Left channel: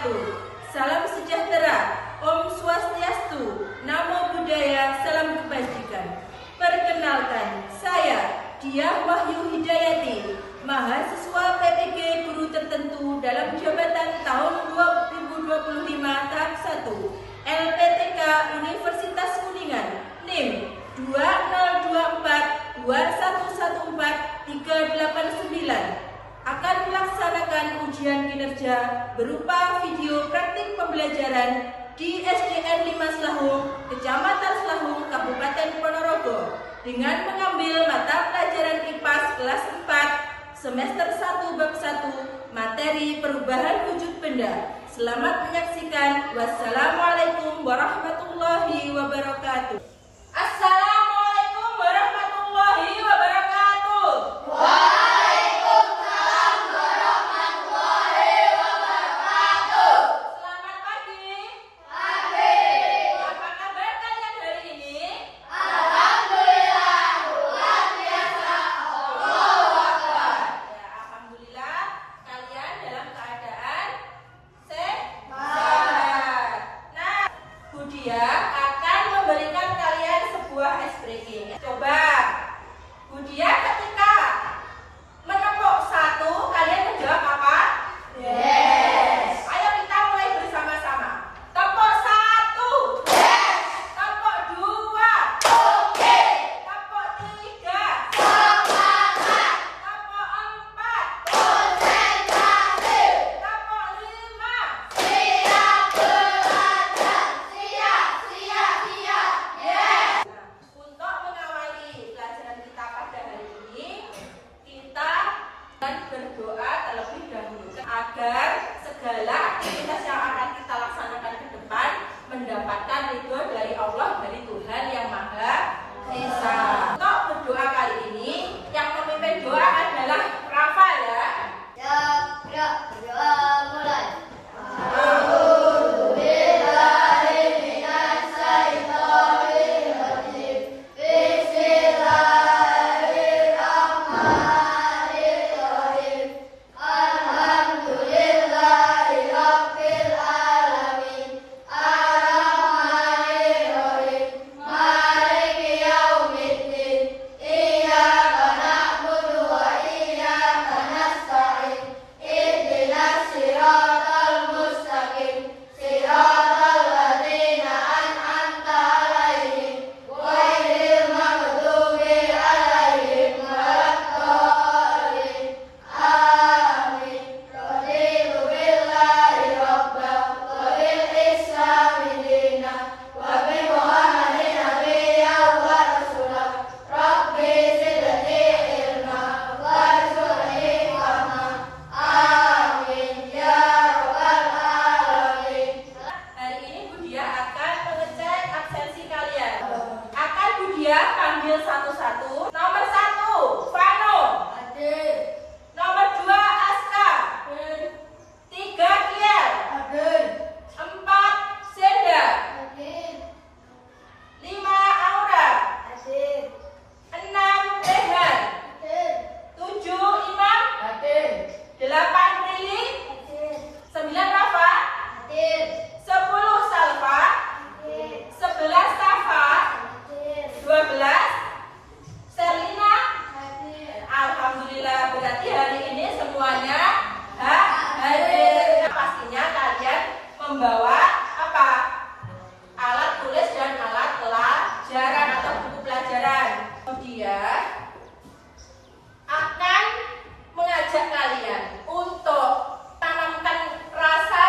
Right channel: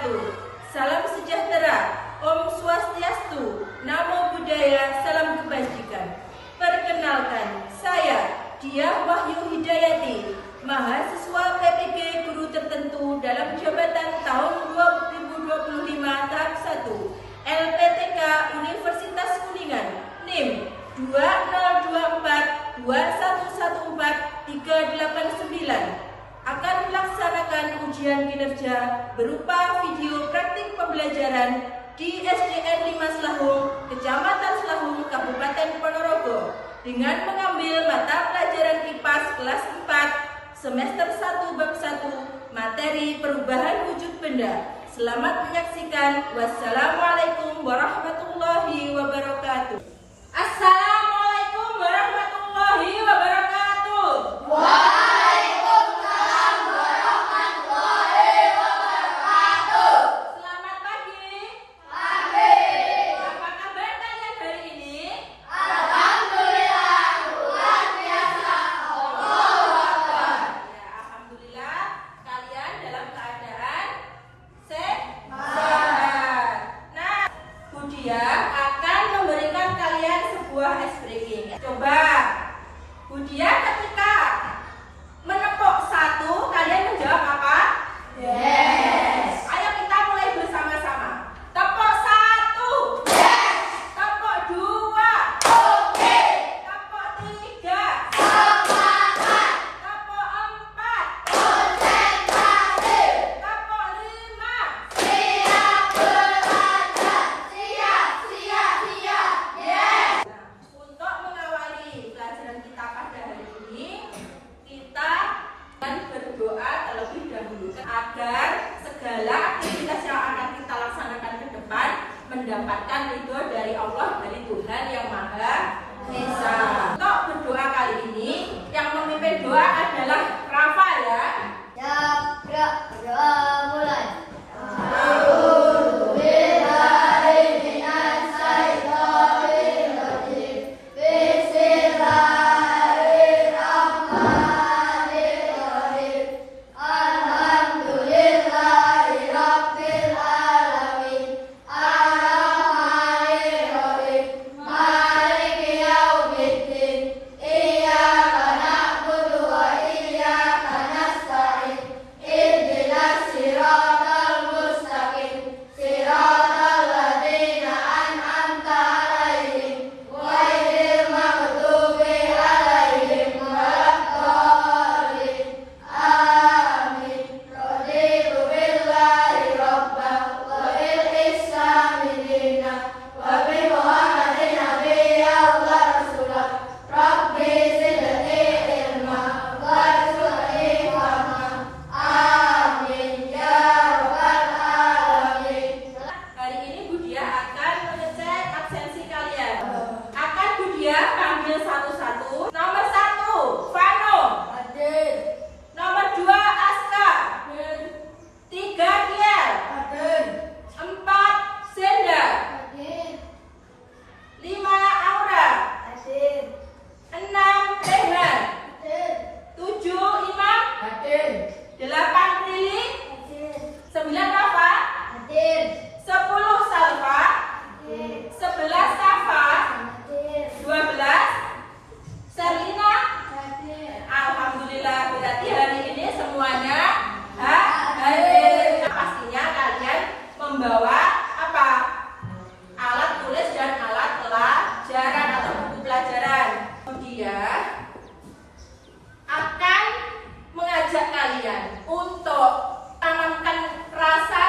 wabarakatuh. Salam sejahtera, Om Swastiastu, Namo Buddhaya, salam kebajikan. Perkenalkan, saya Diah Wahyu Hidayati, mahasiswa PPG Guru Tertentu dalam jabatan tahun 2025 tahap 1, LPTK Universitas Kuningan, NIM 20242114 389, akan melaksanakan ujian kinerja berupa video praktik pembelajaran di SDN 5 Selahung, Kecamatan Selahung, Kabupaten Ponorogo, dengan mengambil mata pelajaran IPAS kelas 4 semester 1 bab 1 materi perubahan wujud benda. Selamat menyaksikan. Wassalamualaikum warahmatullahi wabarakatuh. Assalamualaikum warahmatullahi wabarakatuh. Waalaikumsalam warahmatullahi wabarakatuh. Selamat pagi. Pagi. Apa kabar kalian hari ini? Alhamdulillah, luar biasa. Allahu Akbar. Ya, alhamdulillah kalian dalam keadaan sehat. Nah, Budia akan memberikan kalian sebuah ice breaking. Coba, Budia ketika menepuk satu, kalian menjawab apa? Yes. Ayo kita mulai bersama-sama. Tepuk satu. Yes. Tepuk dua. Oke. Tepuk tiga. Semangat. Tepuk empat. Konsentrasi. Tepuk lima. Siap belajar. Siap, siap, siap. Yes. Untuk mengawali pelajaran kita pada hari ini, kita akan berdoa terlebih dahulu agar segala aktivitas yang akan kita laksanakan ke depan mendapatkan ridho dari Allah, dari Tuhan yang Maha Esa. Untuk berdoa kali ini, yang memimpin doa adalah Rafa ya. Siap, berdoa mulai. Hari ini Budia akan mengecek absensi kalian. Akan Budia panggil satu-satu. Nomor 1, Vano. Nomor 2, Aska. 3, Kiel. 4, Senda. 5, Aura. 6, Rehan. 7, Imam. 8, Prilly. 9, Rafa. 10, Salva. 11, Safa. 12, Selina. Alhamdulillah, berarti hari ini semuanya hadir. Pastinya kalian membawa apa? Alat tulis dan alat pelajaran atau buku pelajaran. Kemudian akan mengajak kalian untuk tanamkan rasa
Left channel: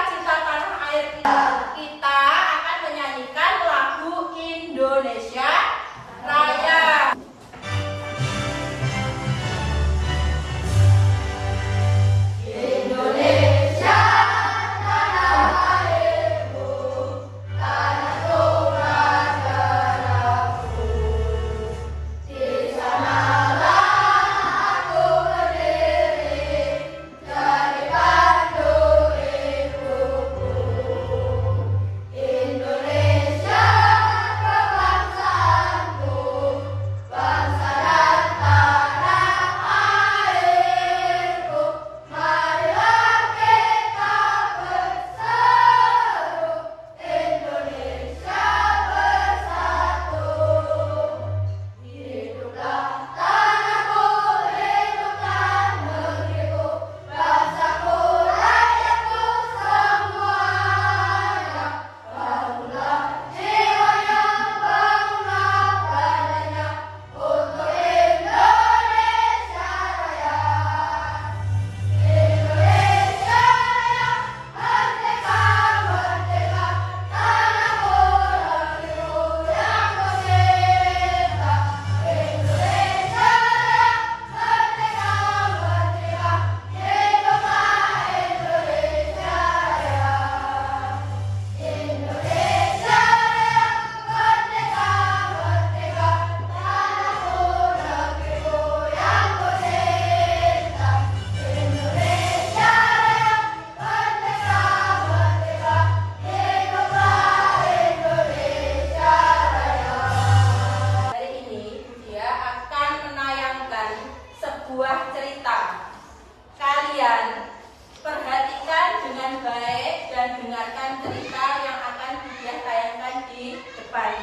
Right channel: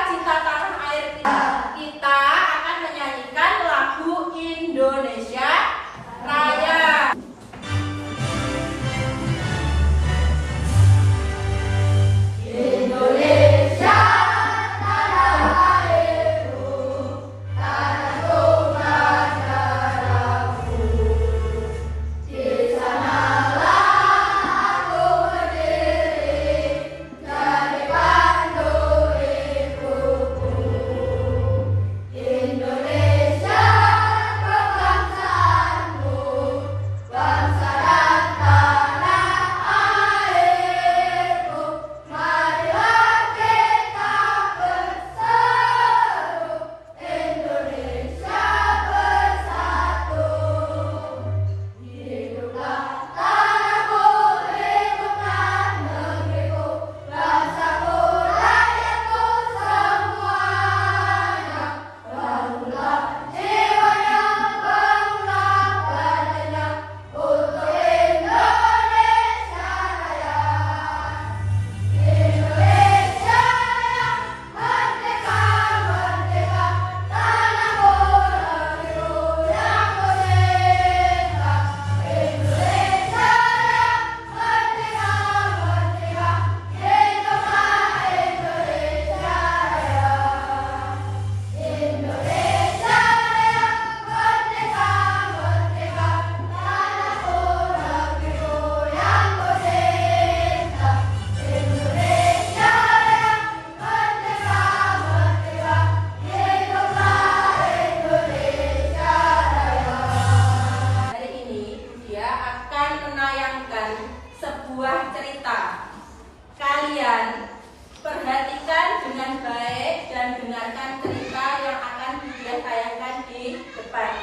baik dan dengarkan cerita yang akan Budiah tayangkan di depan.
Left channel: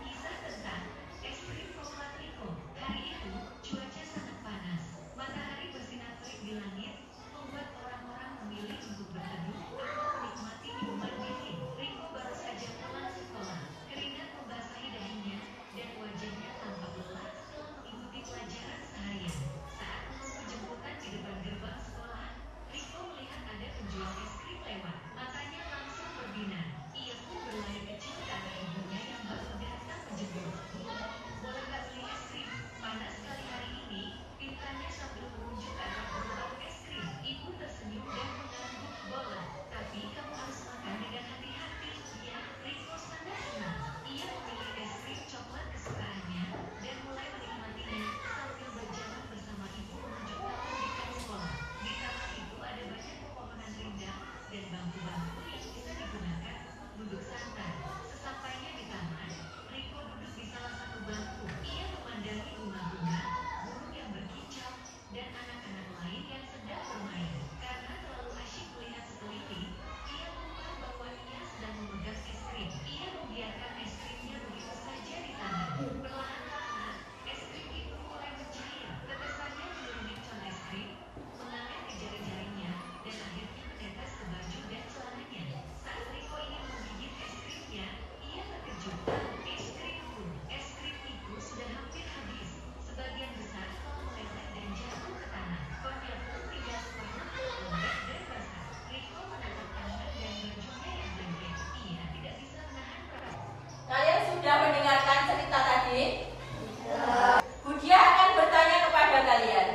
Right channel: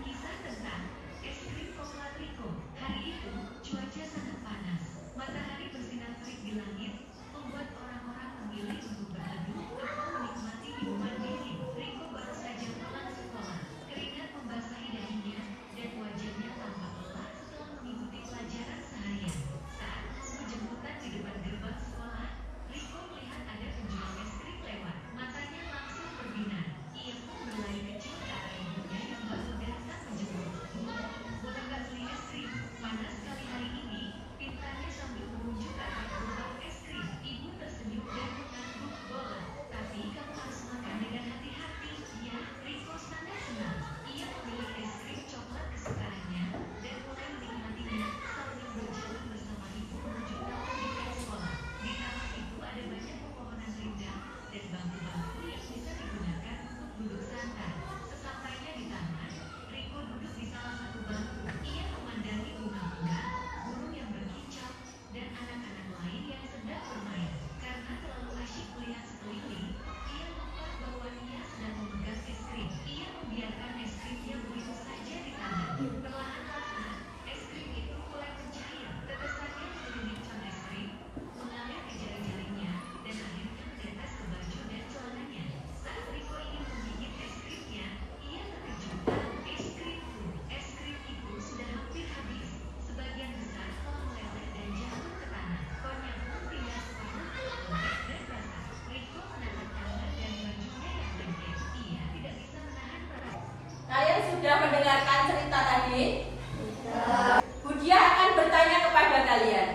Kisah tentang es krim coklat Riko. Hari itu cuaca sangat panas. Matahari bersinar terik di langit, membuat orang-orang memilih untuk berteduh atau menikmati minuman dingin. Riko baru saja pulang sekolah. Keringat membasahi dahinya dan wajahnya tampak lelah setelah mengikuti pelajaran seharian. Saat menunggu jemputan di depan gerbang sekolah, Riko melihat ada penjual es krim lewat. Matanya langsung berbinar. Ia pun berlari kecil ke arah ibunya yang baru datang menjemput. Boleh nggak beli es krim? Panas sekali hari ini. Pintarnya sambil menunjuk ke arah gerobak es krim. Ibu tersenyum dan mengangguk boleh. Tapi kamu harus makan dengan hati-hati. Ya, Riko sangat senang. Ia memilih es krim coklat kesukaannya dan mulai menikmatinya sambil berjalan bersama ibu menuju taman dekat sekolah. Di taman itu ada banyak pepohonan rindang dan bangku-bangku yang bisa digunakan untuk duduk santai. Sesampainya di taman, Riko duduk di salah satu bangku. Ia memandangi bunga-bunga, burung yang berkicau, dan anak-anak lain yang sedang bermain. Karena terlalu asyik melihat sekeliling, ia lupa bahwa ia sedang memegang es krim. Ia membiarkan es krimnya begitu saja di tangan. Perlahan-lahan, es krim itu mulai mencair. Tetesannya melindungi can es krim, mengalir di jari-jarinya, dan akhirnya menetes ke baju dan celananya. Saat Riko ingin menggigit es krimnya, ia terkejut. Es krim itu sudah hampir habis. Sebagian besar telah meleset dan jatuh ke tanah. Konnya pun tinggal separuh lembek dan basah. Riko menatap tangan dan bajunya yang lengket. Ia tidak bisa menahan perasaan. Kalian sudah mendengarkan cerita tadi? Budiah akan bertanya kepada kalian,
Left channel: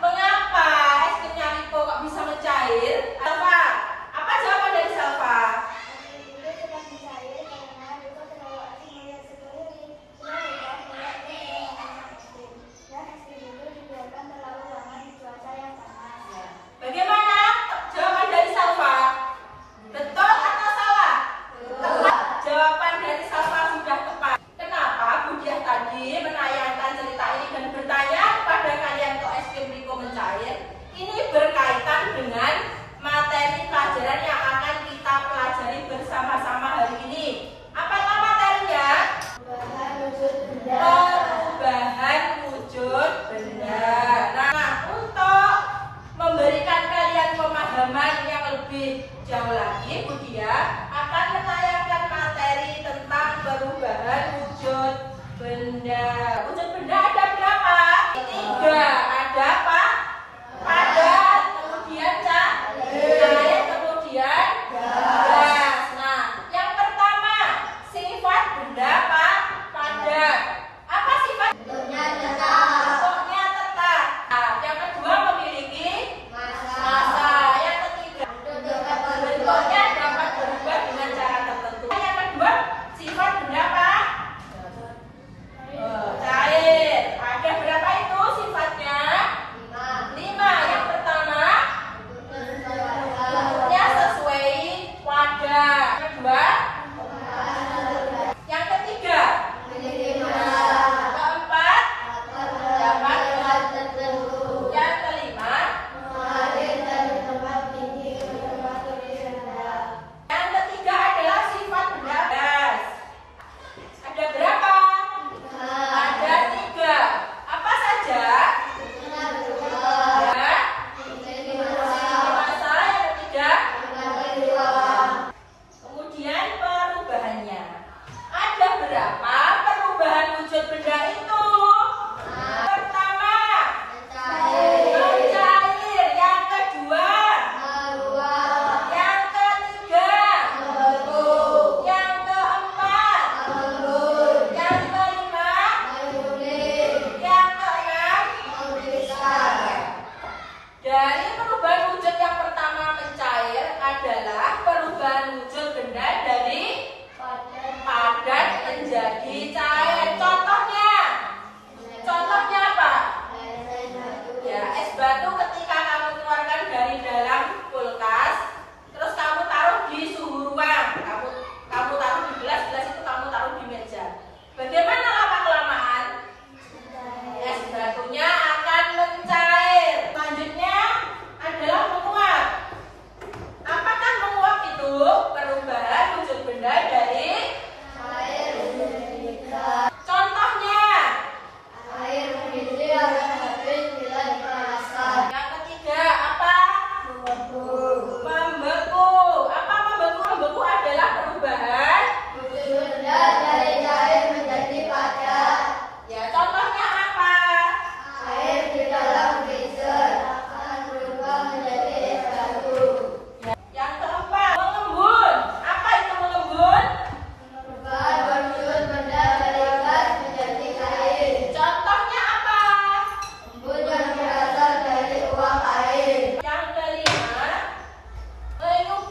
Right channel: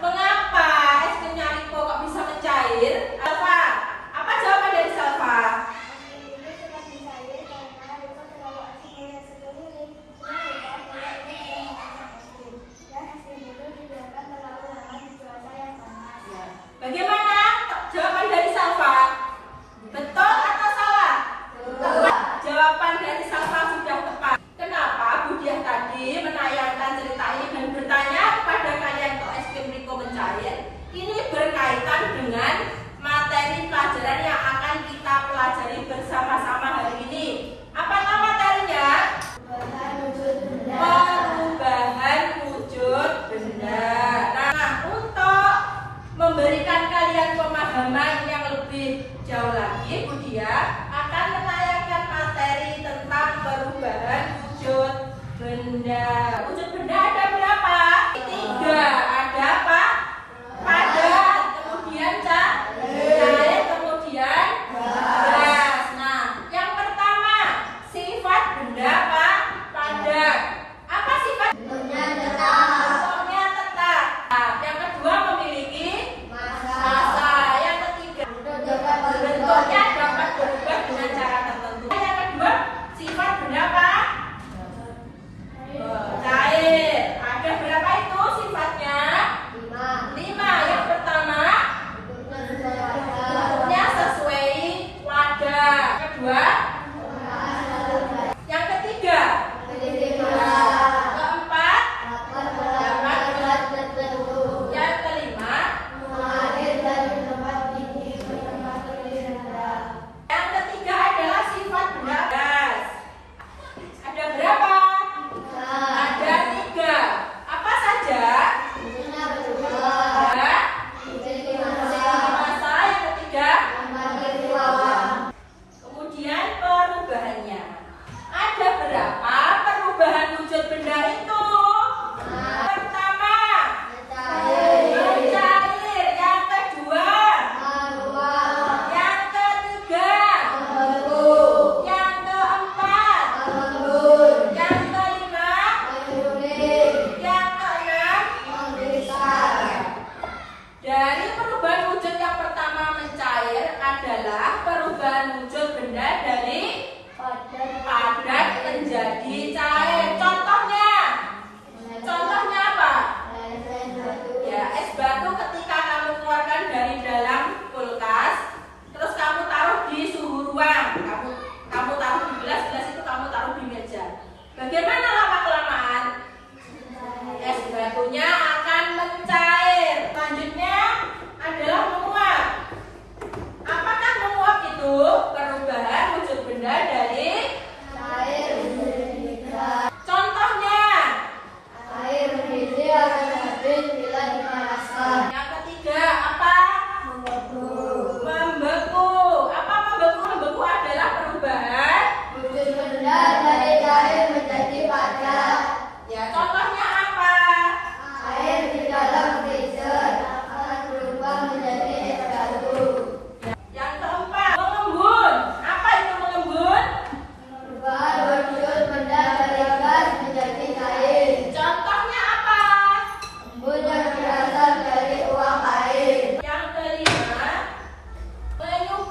mengapa es krimnya Riko kok bisa mencair? Salva, apa jawaban dari Salva? Bagaimana jawaban dari Salva? Betul atau salah? Jawaban dari Salva sudah tepat. Kenapa Budiah tadi menayangkan cerita ini dan bertanya kepada kalian kok es krim Riko mencair? Ini berkaitan dengan materi pelajaran yang akan kita pelajari bersama-sama hari ini. Apakah materinya? Perubahan wujud benda. Nah, untuk memberikan kalian pemahaman yang lebih jauh lagi, Budiah akan menayangkan materi tentang perubahan wujud benda. Wujud benda ada berapa? 3. Ada apa? Padat, kemudian cair, kemudian gas. Nah, yang pertama, sifat benda apa? Padat. Apa sifat? Bentuknya tetap. Nah, yang kedua memiliki massa. Yang ketiga, bentuknya dapat berubah dengan cara tertentu. Yang kedua, sifat benda apa? Cair. Ada berapa itu sifatnya? 5. Yang pertama, bentuknya sesuai wadah. Yang kedua, yang ketiga, keempat, dapat yang kelima, yang ketiga adalah sifat benda gas. Ada berapa? Ada 3. Apa saja? Ada massa, yang ketiga, kemudian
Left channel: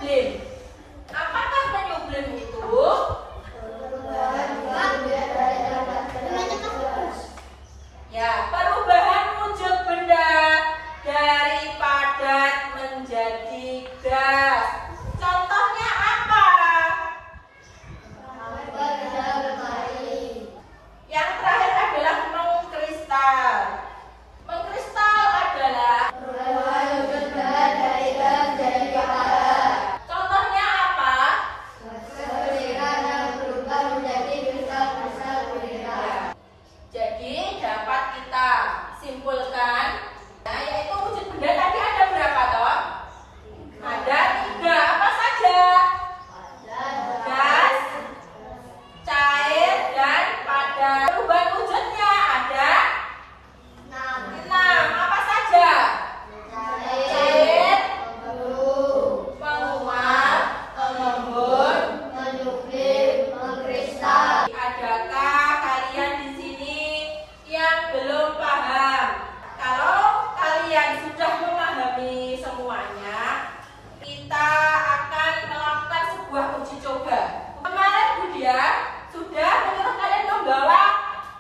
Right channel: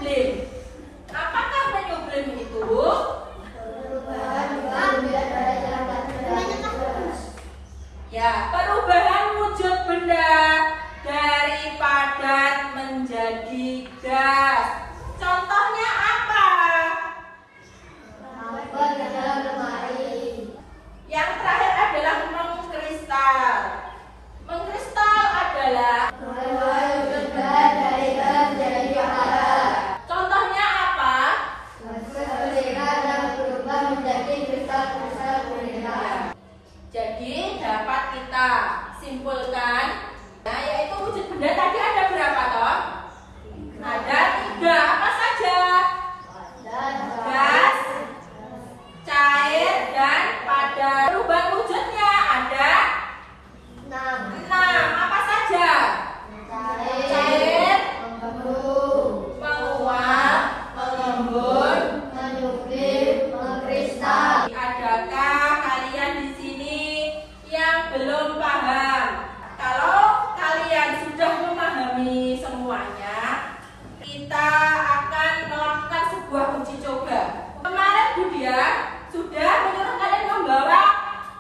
blim. Apakah menu blim itu? Ya, perubahan wujud benda dari padat menjadi gas. Contohnya apa? Yang terakhir adalah mengkristal. Mengkristal adalah contohnya apa? Jadi dapat kita simpulkan, nah, yaitu wujud benda tadi ada berapa toh? Ada 3. Apa saja? Gas, cair, dan padat. Perubahan wujudnya ada 6. Apa saja? Cair, menguap, mengembun. Adakah kalian di sini yang belum paham? Kalau kalian sudah memahami semuanya, kita akan melakukan sebuah uji coba. Kemarin Budia sudah menyuruh kalian membawa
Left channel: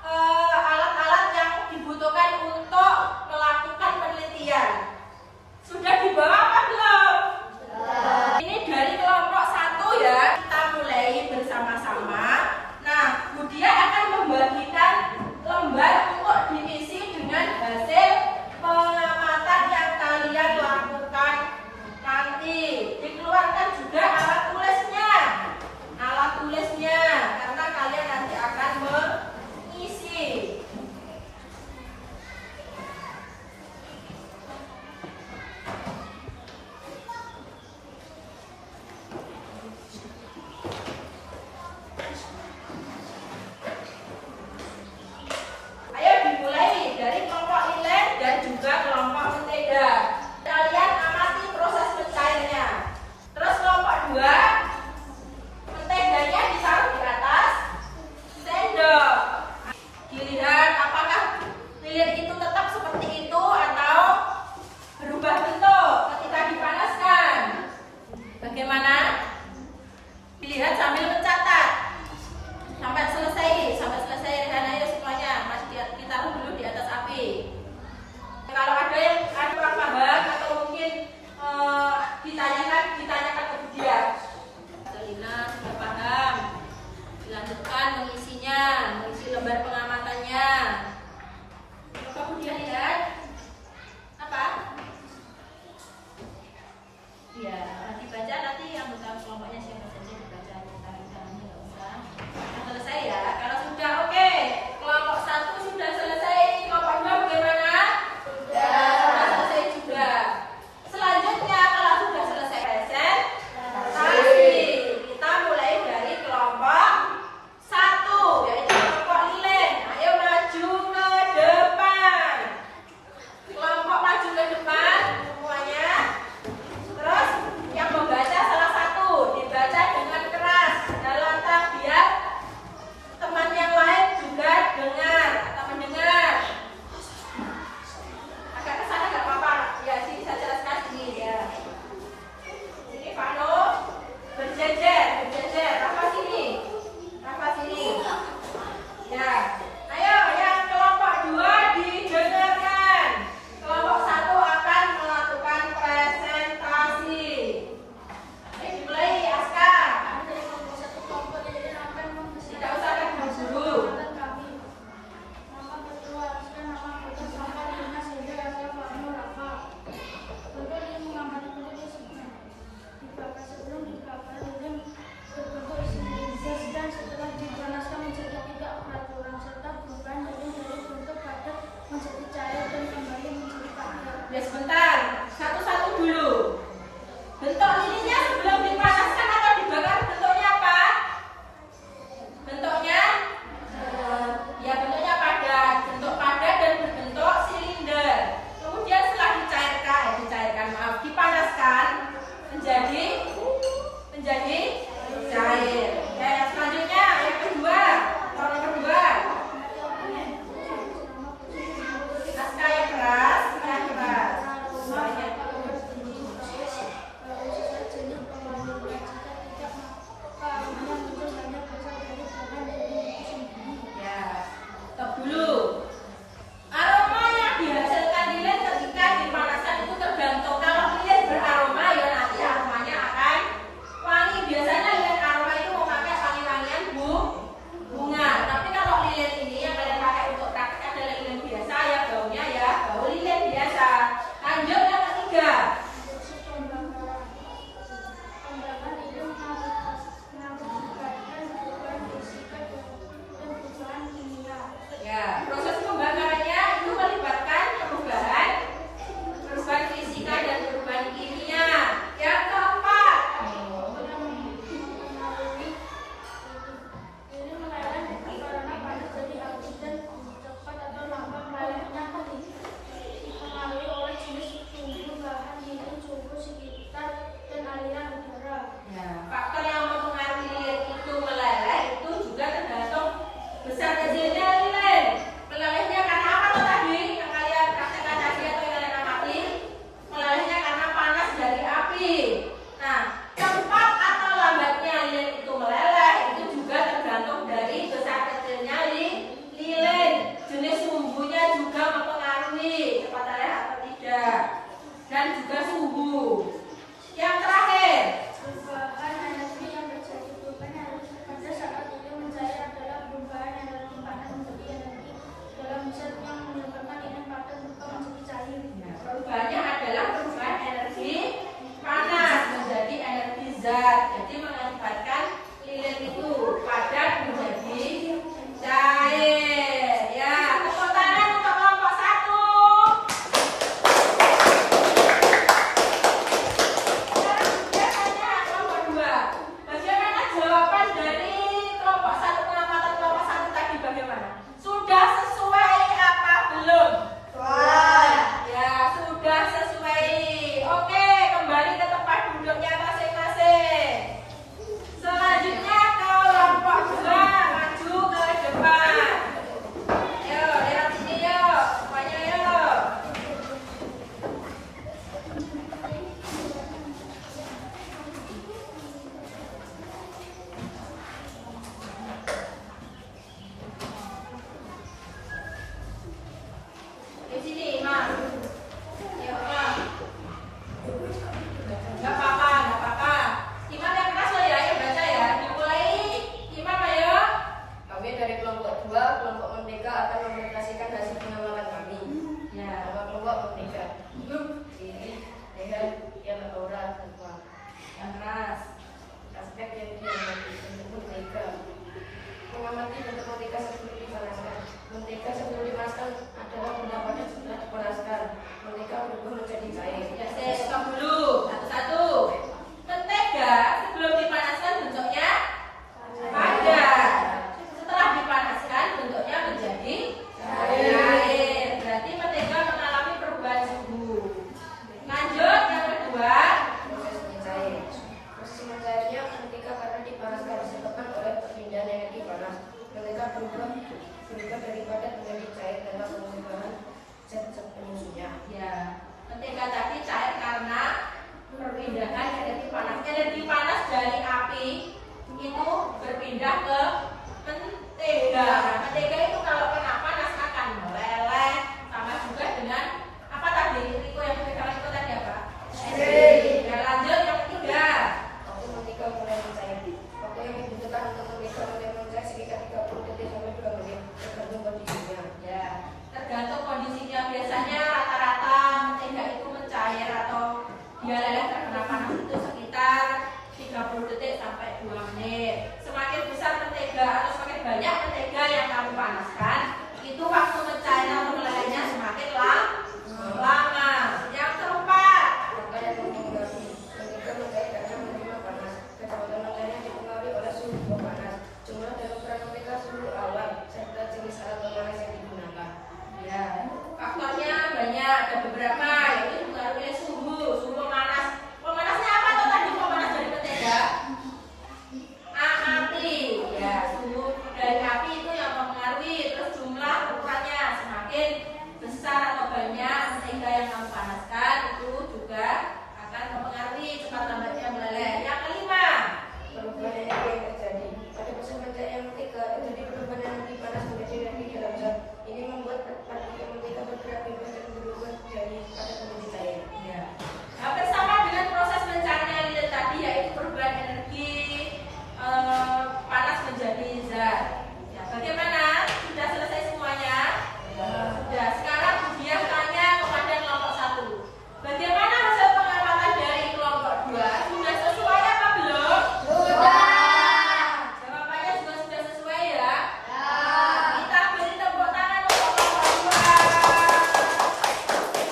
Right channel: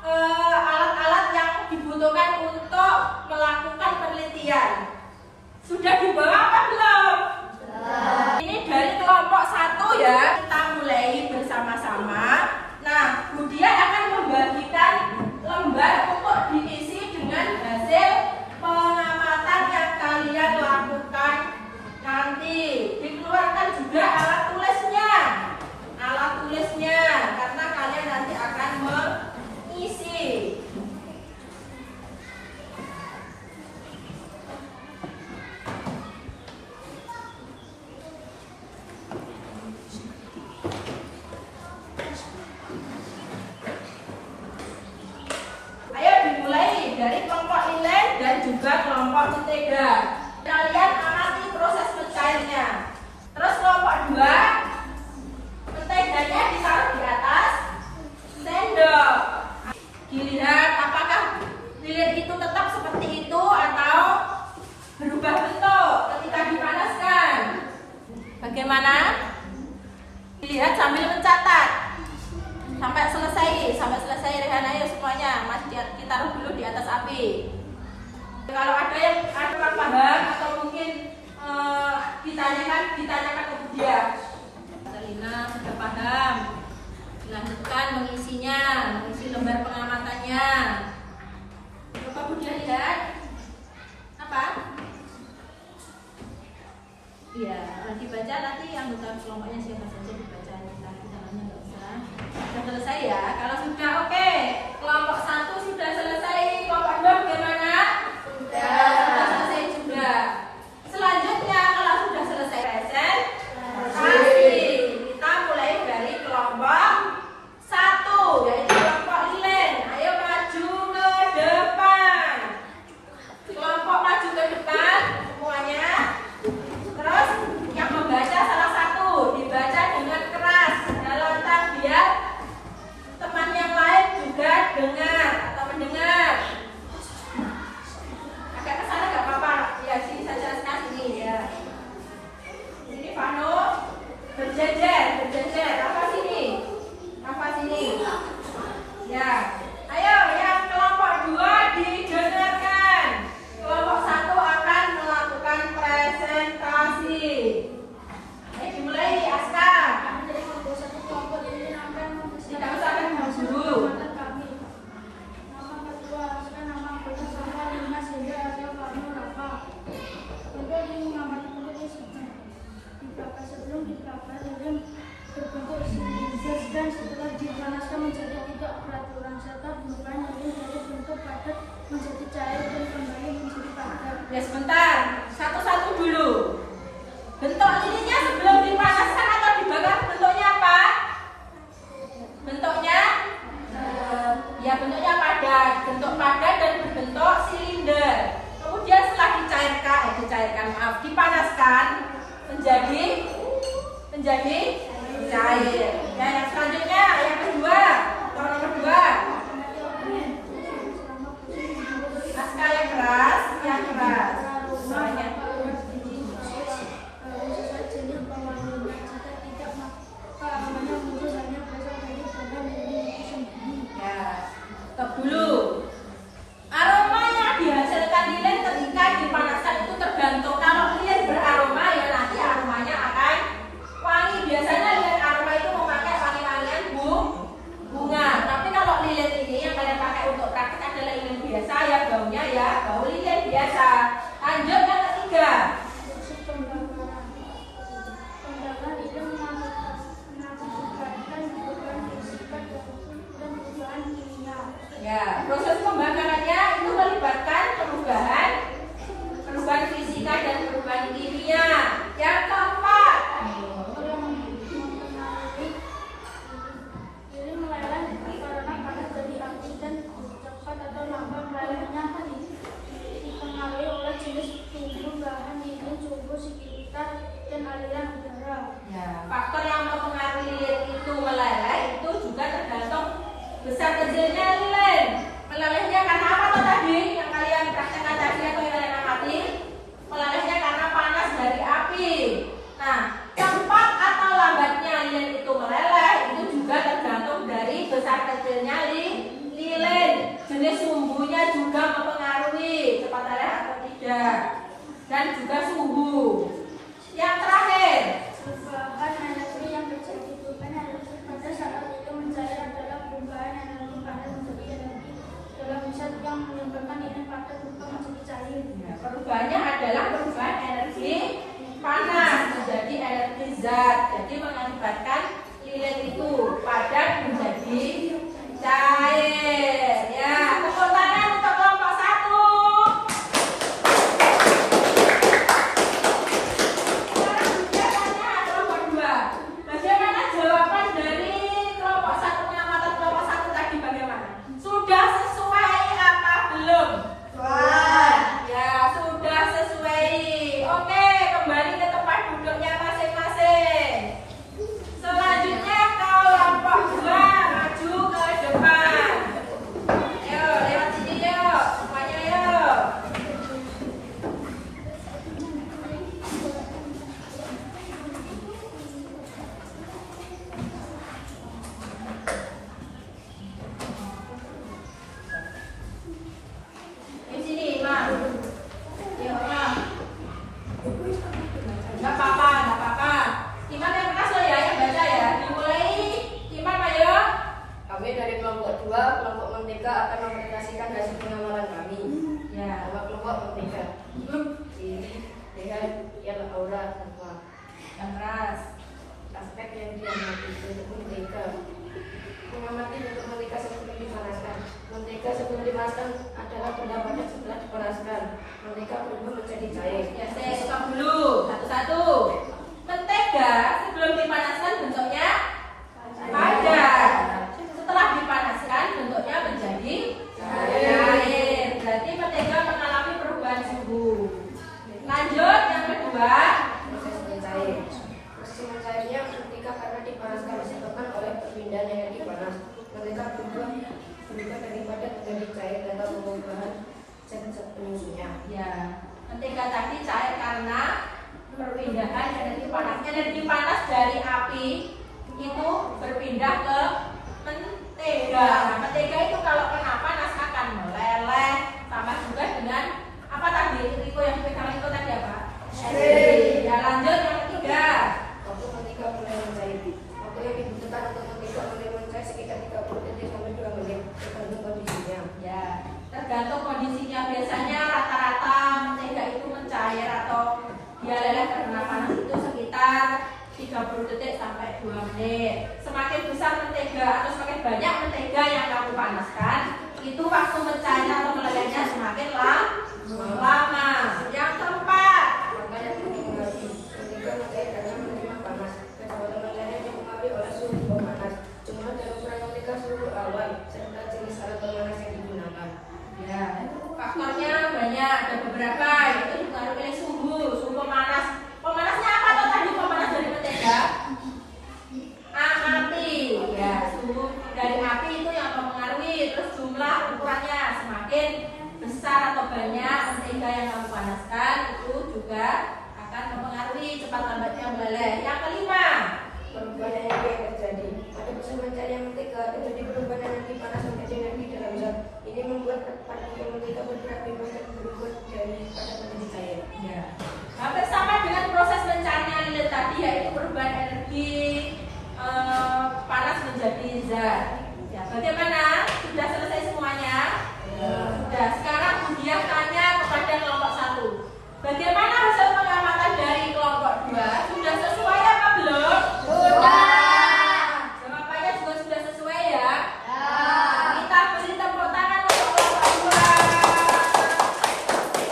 alat-alat yang dibutuhkan untuk melakukan penelitian. Sudah dibawa apa belum? Ini dari kelompok 1 ya. Kita mulai bersama-sama. Nah, Budia akan membagikan lembar untuk diisi dengan hasil pengamatan yang kalian lakukan nanti. Dikeluarkan juga alat tulisnya. Alat tulisnya karena kalian nanti akan mengisi. Ayo dimulai dari kelompok Ilen dan juga kelompok Mentega. Kalian amati proses mencairnya. Terus kelompok 2, menteganya ditaruh di atas sendok. Dilihat apakah lilin itu tetap seperti itu atau berubah bentuk ketika dipanaskan. Bagaimana? Dilihat sambil mencatat. Sampai selesai Rehan, ayo semuanya masih ditaruh dulu di atas api. Kalau ada yang kurang paham atau mungkin ditanyakan ke Budia. Lina sudah paham. Dilanjutkan mengisi lembar pengamatannya. Coba Budia lihat. Apa? Iya, dibaca nanti yang besar kelompoknya siapa saja dibaca. Tangan-tangannya nggak usah. Sudah selesai ya. Kalau sudah oke, kelompok 1 sudah selesai. Kelompok 2 bagaimana? Sudah selesai juga. Selanjutnya kalau sudah selesai presentasi, kita mulai dari kelompok 1, yaitu kelompok Lilin. Ayo maju ke depan. Kelompok maju ke depan semuanya. Terus yang membaca salah satu dibaca dengan keras dalam biar teman yang lain juga dengar atau mendengar. Agak kesana nggak apa-apa, ya sini saja sini ya. Ini Vano berjajar, apa sini? Ya, ayo yang kelompok 2 didengarkan. Kelompok 1 akan melakukan presentasi. Ayo dimulai, Aska. Tidak usah kan dulu. Sebelum dibakar lilin berbentuk gas dan setelah dipanaskan menjadi 3 peraturan serta perubahan lilin dari bentuk padat menjadi cair dan kembali menjadi padat. Ya sebentar, satu-satu dulu. Bentuk lilinnya sebelum dipanaskan atau dibakar bentuknya apa? Bentuknya? Ya bentuknya padat. Bentuk padat dan berbentuk silinder. Kemudian setelah dipanaskan menjadi cair. Nah yang selanjutnya yang kedua, nomor 2. Naskah yang keras. Ya, faktor yang mempengaruhi lilin itu meleleh itu juga tergantung besar kecilnya lilin. Melelehnya karena apa tuh tadi yang kalian praktekkan tadi atau yang kalian amati? Melelehnya karena panas dari api. Nah, cepat atau lambatnya lilin itu meleleh itu juga tergantung dari besar kecilnya lilin. Jenis sumbunya juga mempengaruhi cepat meleleh atau tidak, dan juga suhu. Yang terakhir, Perubahan energi yang terjadi. Perubahan energi pada saat lilin mencair adalah perubahan energi panas menjadi energi dalam zat yang menyebabkan lilin padat berubah menjadi cair. nah, perubahannya adalah perubahan energi panas menjadi energi zat. Jadi mengakibatkan lilin itu padat menjadi cair. Ya, tepuk tangan untuk kelompok 1. Sekarang biasanya kelompok 2. Bagaimana jawaban dari kelompok 1 pengamatan kelompok 1 tadi bagaimana? Sudah sesuai apa belum? Ya, sudah sesuai. Oke, kembali ke tempat duduknya masing-masing. Selanjutnya kelompok 2 maju ke depan. Ayo, lihat sini yuk. Semuanya yuk. Di sini, Imam. Ya, Imam. Nggak apa-apa, nggak apa-apa. Iman yang keras loh ya, yang baca ya. Dimulai, Iman ayo. Kami dari kelompok 2, kelompok Merdeka akan mempresentasikan hasil pengamalan kami. Ya. Nama kelompok Merdeka. Ini dengan yang aura tanpa Yang keras. aspek yang diamati untuk Merdeka. Mengamati bentuk Merdeka sebelum dipanaskan. Merdeka sebelum dipanaskan adalah benda padat setelah dipanaskan. Merdeka berubah menjadi cair. Ya, saya stop dulu. Satu-satu. Mentega sebelum dipanaskan bentuknya padat. Setelah dipanaskan bentuknya menjadi cair. Berarti mentega mengalami perubahan suhu. Lanjut yang kedua. Proses mencair. Proses mencairnya ketika karena dipanaskan disebabkan oleh perpindahan energi panas. Merdeka berubah dari padat menjadi cair tanpa perubahan zat-zat penyusunnya. Ya, mentega tadi cair karena perpindahan energi panas. Energi panas dari api itu berpindah ke mentega. Nah, mentega itu kalau kena panas akan meleleh. Tambah juga dengan apa tadi? Riko yang pegangan itu tadi apa? Ya, lanjut yang ketiga. Waktu mentega mulai mencair. Waktu yang dibutuhkan untuk mentega mulai mencair sekitar 30 detik sampai 2 menit tergantung kondisinya. Ya, tergantung kondisinya. Biasanya rata-rata mentega itu mencair atau dia leleh karena panas itu sekitar 30 detik sampai 2 menit. Semakin besar mentega atau semakin banyak mentega yang kamu panaskan, itu waktu mencair atau melelehnya semakin lama. Yang keempat, Langkah yang mempengaruhi mentega mencair karena menerima panas. Kecepatan mencairnya dipengaruhi oleh suhu pemanas, jumlah dan ukuran mentega, suhu awan, serta jenis alat pemanas yang digunakan. ya, faktornya banyak, ada beberapa, yaitu dipengaruhi oleh suhu pemanas. Pemanasnya apa tuh tadi pemanas dari mentega? Api, ya, suhu dari api itu yang mempengaruhi. Terus jumlah ukurannya semakin besar atau banyak mentega yang kamu panaskan itu juga akan mempengaruhi cepat lambatnya meleleh. Yang kelima, Perubahan energi yang terjadi pada proses mencairnya mentega terjadi perubahan energi panas menjadi energi dalam zat. Ini membuat partikel mentega bergerak bebas dan berubah dari padat menjadi cair. ya, hampir sama dengan proses mencairnya lilin tadi, yaitu perubahan energi panas menjadi zat. Ya, bagaimana? Sudah selesai semuanya? Sudah. Sekarang kemudian tanya kepada kelompok 1. Bagaimana hasil pengamatan dari kelompok 2? Sudah sesuai apa belum? Jawabannya juga sudah sesuai ya? Kita beri tepuk tangan untuk kelompok 2.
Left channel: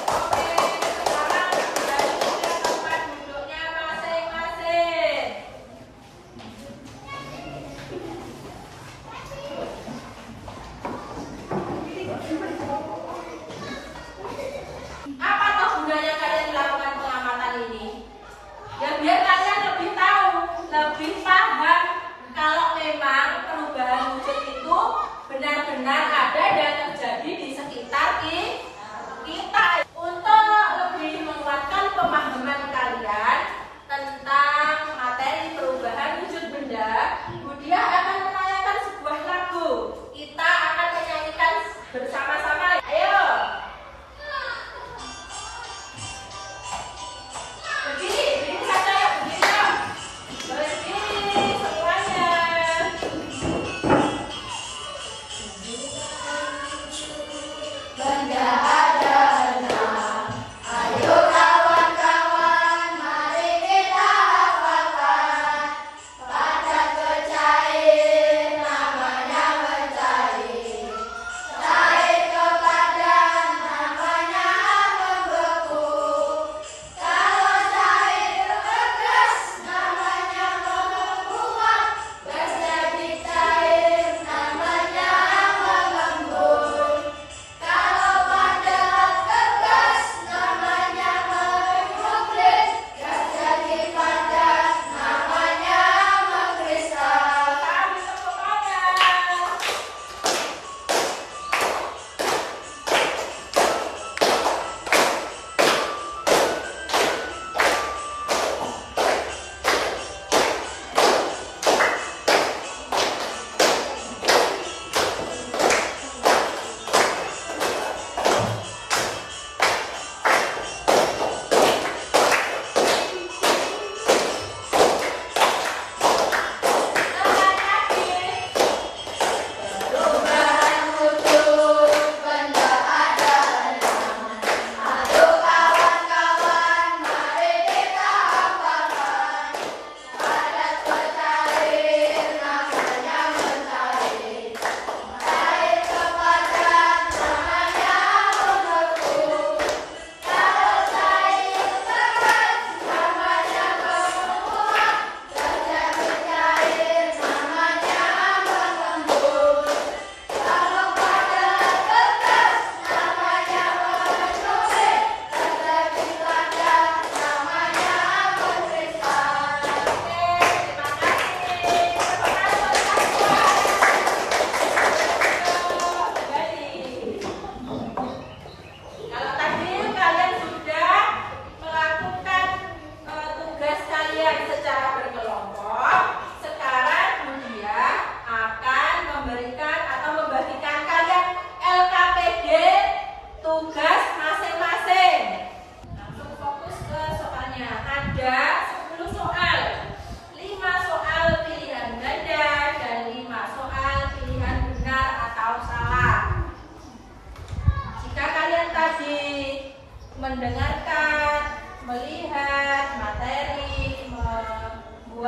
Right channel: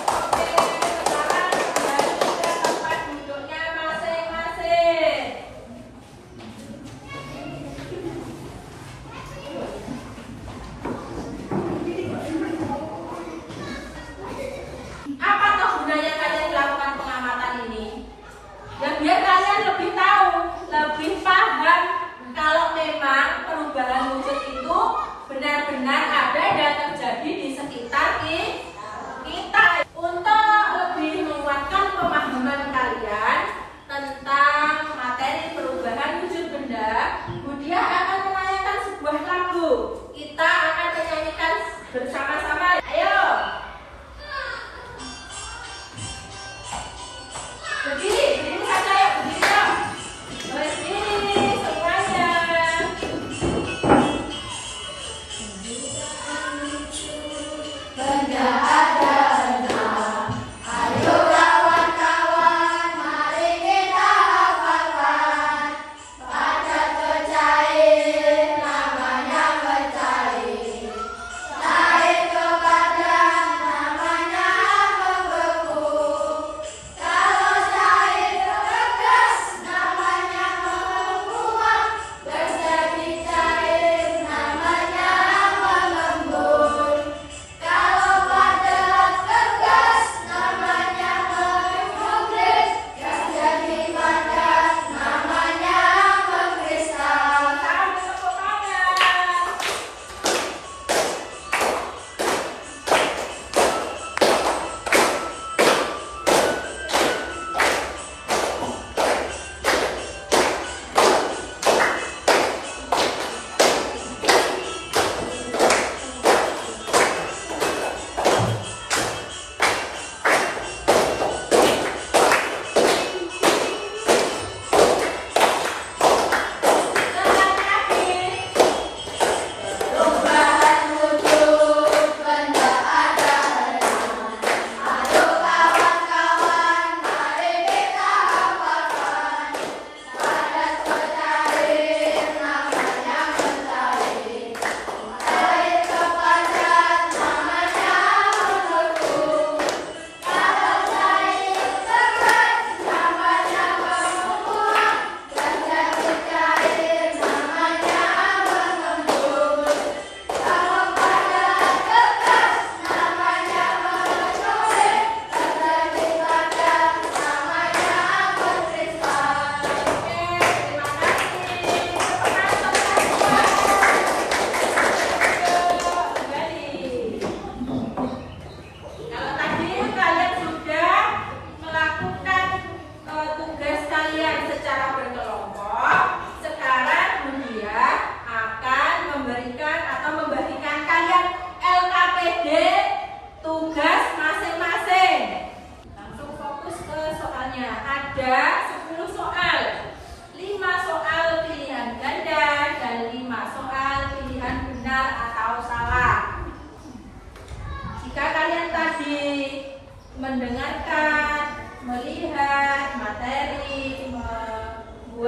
Oke, sekarang kembali ke tempat duduknya masing-masing.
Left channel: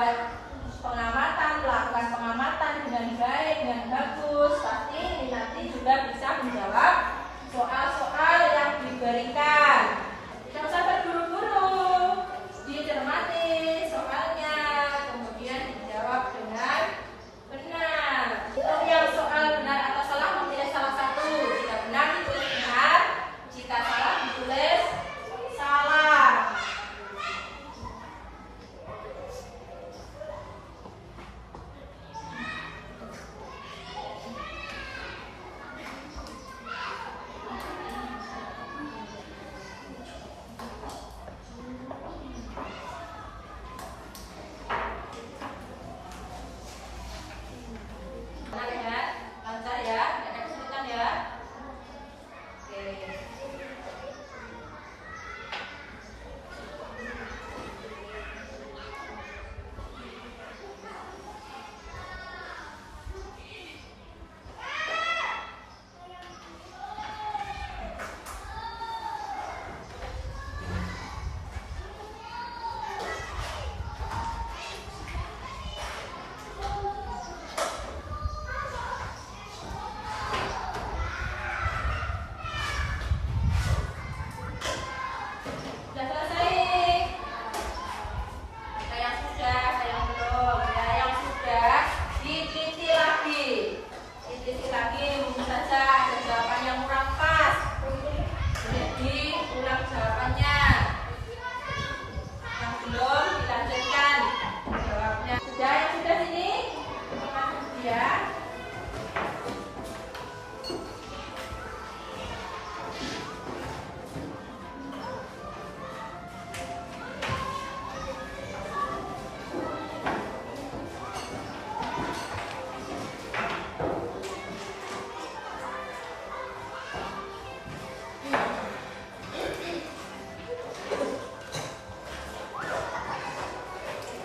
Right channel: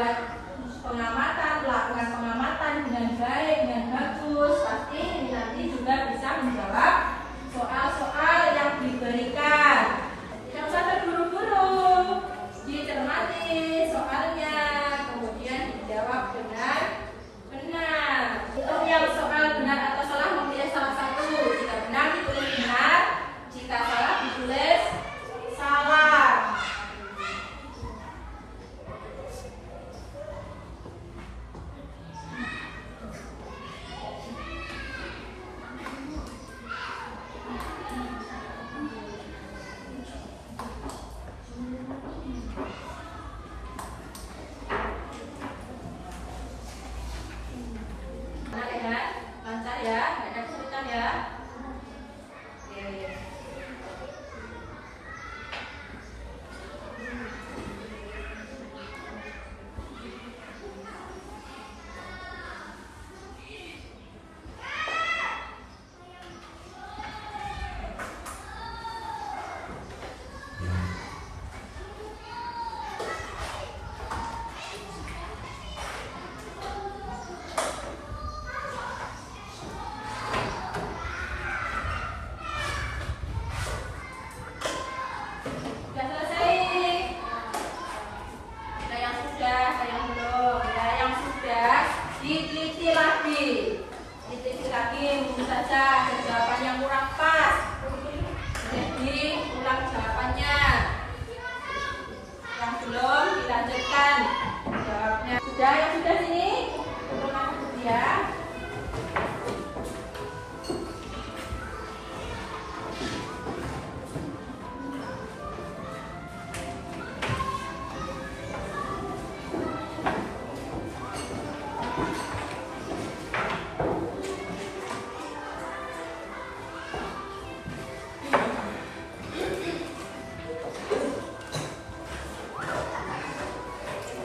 membuat pengamatan, melakukan pengamatan dengan baik, dengan bagus, pasti nanti juga bisa menjawab soal-soal yang diberikan. Tidak usah terburu-buru, dicermati soalnya, kemudian dijawab dengan benar. Untuk yang soal benar atau salah memilih salah satu. Jika benar ditulis benar, jika salah ditulis salah. Lancar ya, nggak ada kesulitan ya. Oke. Sudah selesai ini. Nah, yang sudah, yang belum, ya, yang sudah diteliti lagi. Diteliti lagi, mungkin saja ada jawaban yang kurang pas. Jadi ulang jawabannya. Yang belum dilanjutkan jawabnya. Sudah, yang sudah sini. Untuk nanti ya.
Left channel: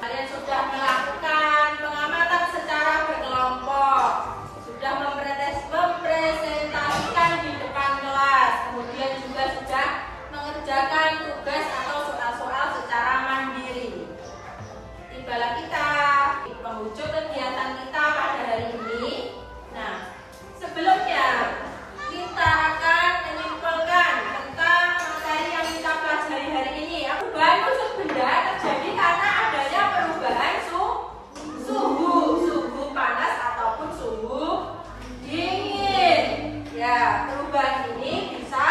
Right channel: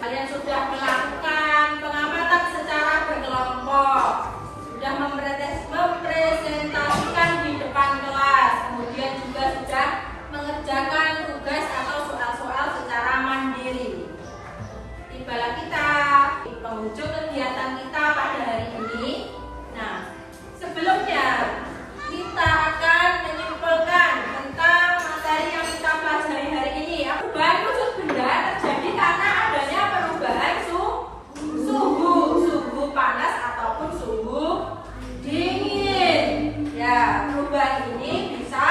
Kalian sudah melakukan pengamatan secara berkelompok, sudah mempresentasikan di depan kelas, kemudian juga sudah mengerjakan tugas atau soal-soal secara mandiri. Tibalah kita di penghujung kegiatan kita pada hari ini. Nah, sebelumnya kita akan menyimpulkan tentang materi yang kita pelajari hari ini. Perubahan wujud benda terjadi karena adanya perubahan suhu panas ataupun suhu dingin. Ya, perubahan ini bisa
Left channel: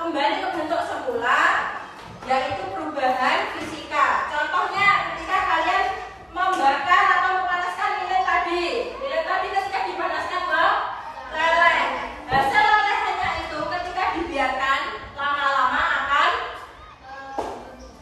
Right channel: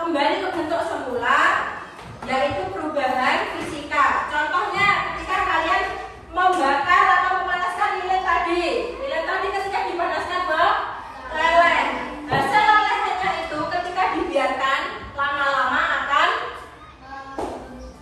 kembali ke bentuk semula, yaitu perubahan fisika. Contohnya ketika kalian membakar atau memanaskan lilin tadi ketika dipanaskan meleleh. Hasil lelehnya itu ketika dibiarkan lama-lama akan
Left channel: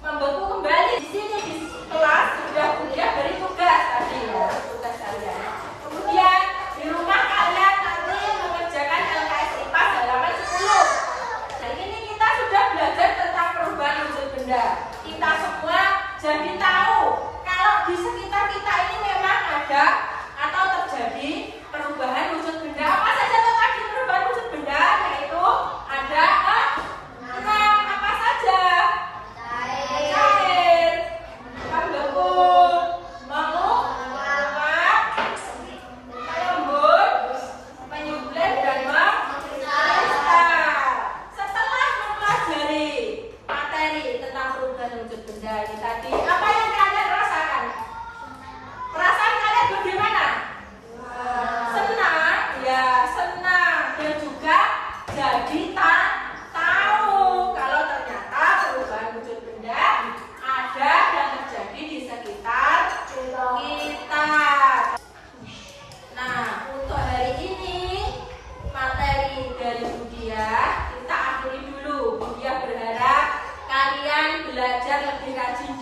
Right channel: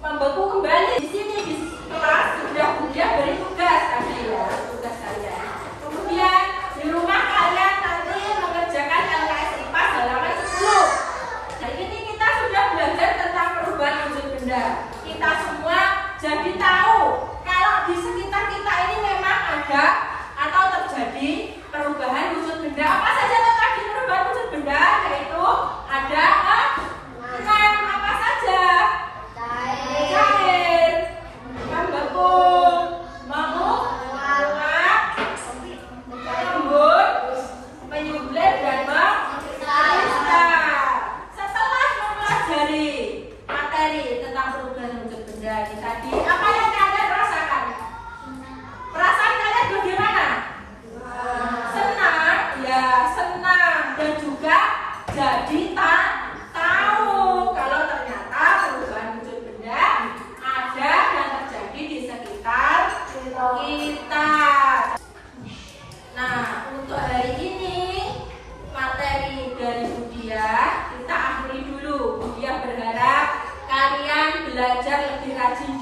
membeku kembali. Di sini di kelas sudah beri tugas tadi ya, tugas kalian. Kemudian di rumah kalian nanti mengerjakan LKS IPA halaman 10. Nah, ini kita sudah belajar tentang perubahan wujud benda. Kita semua jadi tahu kalau di sekitar kita ini memang ada atau terjadi perubahan wujud benda. Apa saja tadi perubahan wujud benda? Yaitu ada enam. Apa saja? Cair, membeku, menguap, lembut, menyembelih dan mengkristal. Setelah mempelajari materi tentang perubahan wujud benda ini tadi, apa yang kalian rasakan? Perasaan kalian bagaimana? Senang, ya senang, dan juga jadi tahu kalau ternyata perubahan wujud benda ada dan terjadi di sekitar kita. Nah, untuk hari ini materi dari Budiah kita akhiri dulu. Budiah berharap kalian belajar lebih rajin